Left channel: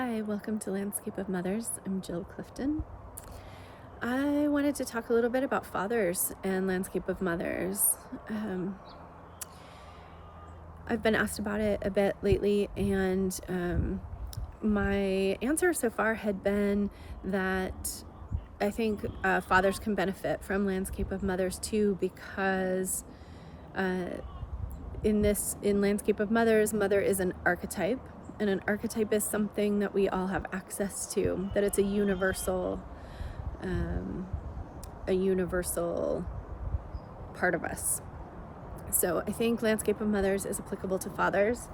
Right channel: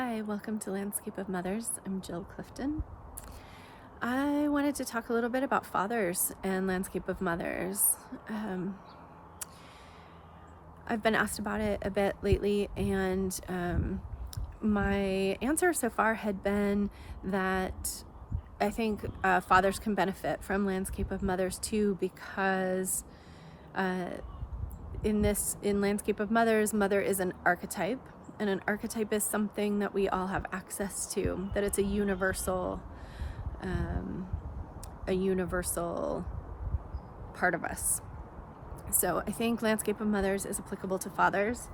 Hi, welcome to Landscape of Mothers. I'm Jill Clifton. I wanted to talk a little bit about fathers and Landscape of Mothers. I've been asked about it a bit lately, and my answer so far had been that I think fathers can benefit from Landscape of Mothers too, because in Landscape of Mothers, mother is an archetype. And an archetype is something that we all have access to, that it's a universal part of us. So I think Landscape of Mothers is applicable to fathers.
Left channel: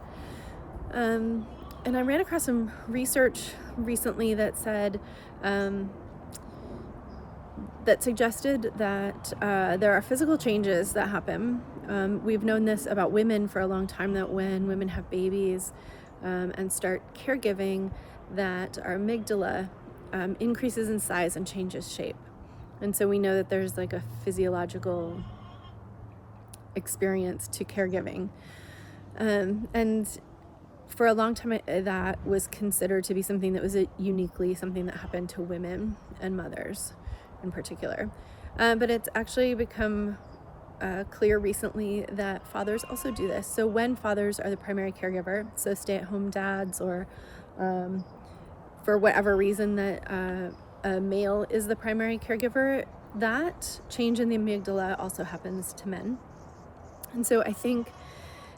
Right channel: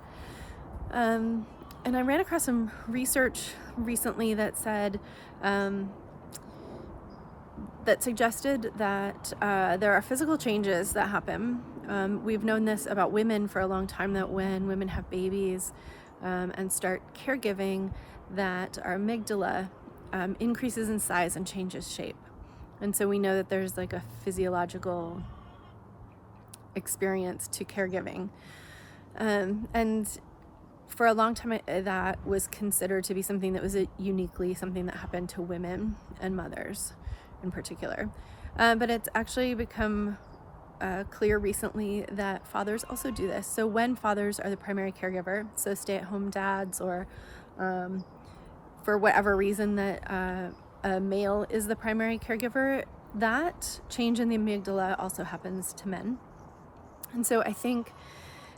And I ran across some research recently that said, that suggested that there are physical changes that happen. We've known this about women for a long time, that when women have babies, and start caregiving, that our amygdala increases in size and changes shape. And so we know that there's like a physiological experience to caregiving. And for a long time, that was considered to be something that was uniquely something that happened to women and mothers in particular. But it's actually become clear recently that fathers also do this. So when fathers are the primary caregiver, so stay-at-home dads, or for whatever reason that a male is the primary caregiver, that change in the amygdala also happens to men. And so I think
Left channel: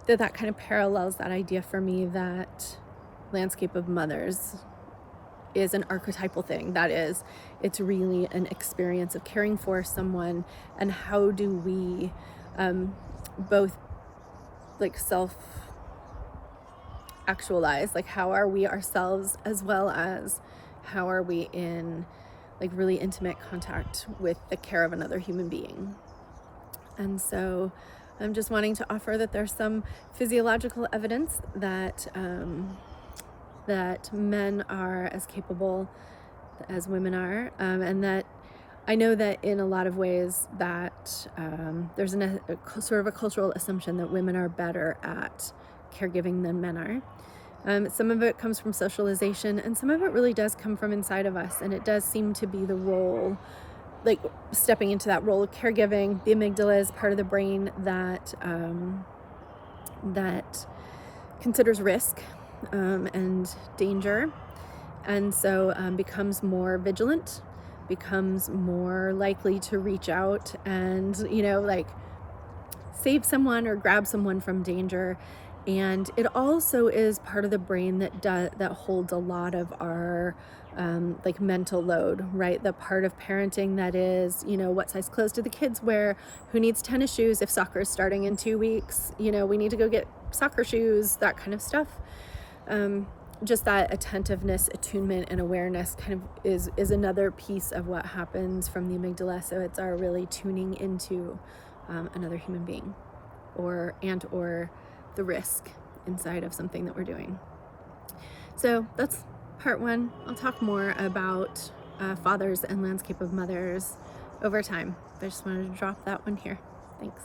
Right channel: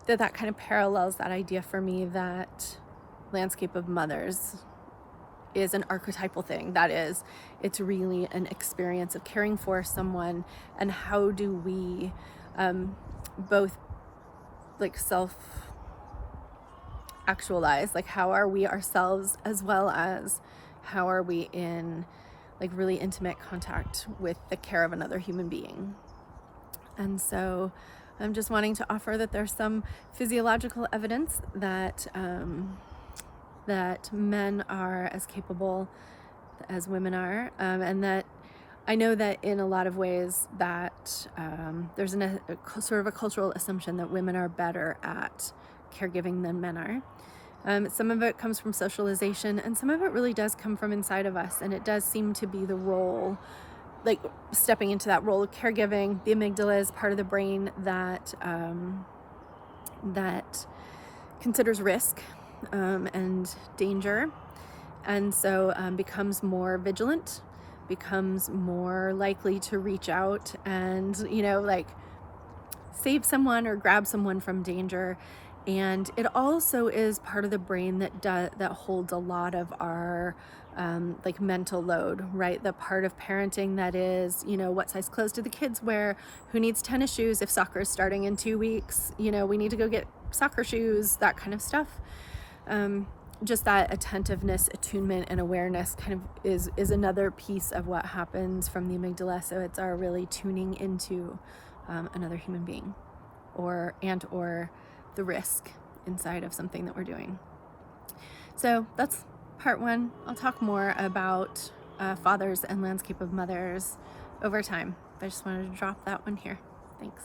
that kind of parallels that idea for me, that Landscape of Mothers is an archetypal thing. That is, it's really an experience of caring for someone, and how do we both like self-actualize, like how are we ourselves, as well as how are we in like really intimate contact with the care of another human being. And so I'm just wanting to offer that there's some physiological evidence that that men are as capable as women are, and that I know that in a lot of ways that there's a sort of a cultural assumption that women are better at caregiving than men are. Some of it comes from socialization, and some of it really does come from inside of us, and it does seem to be the role, like stepping into that role of caregiving. The amygdala is part of the brain that considers risk and danger, and so becomes more vigilant, becomes more likely to reach out and, like save someone or grab someone from danger. And it also is part of the brain that holds a lot of our like mental load, right? The part of parenting that is, what size clothes do the kids wear? Who needs tennis shoes if soccer is starting in 2 weeks? We need to go get soccer shoes, that kind of stuff. Just that attentiveness, attunement, and awareness kind of is another piece of what happens from the amygdala. So it's our really tuning into another human being, or the risk inside of something that we're doing. So that's part one. I'll talk more about fathers and Landscape of Mothers over time. I just wanted to drop that one here. Thanks.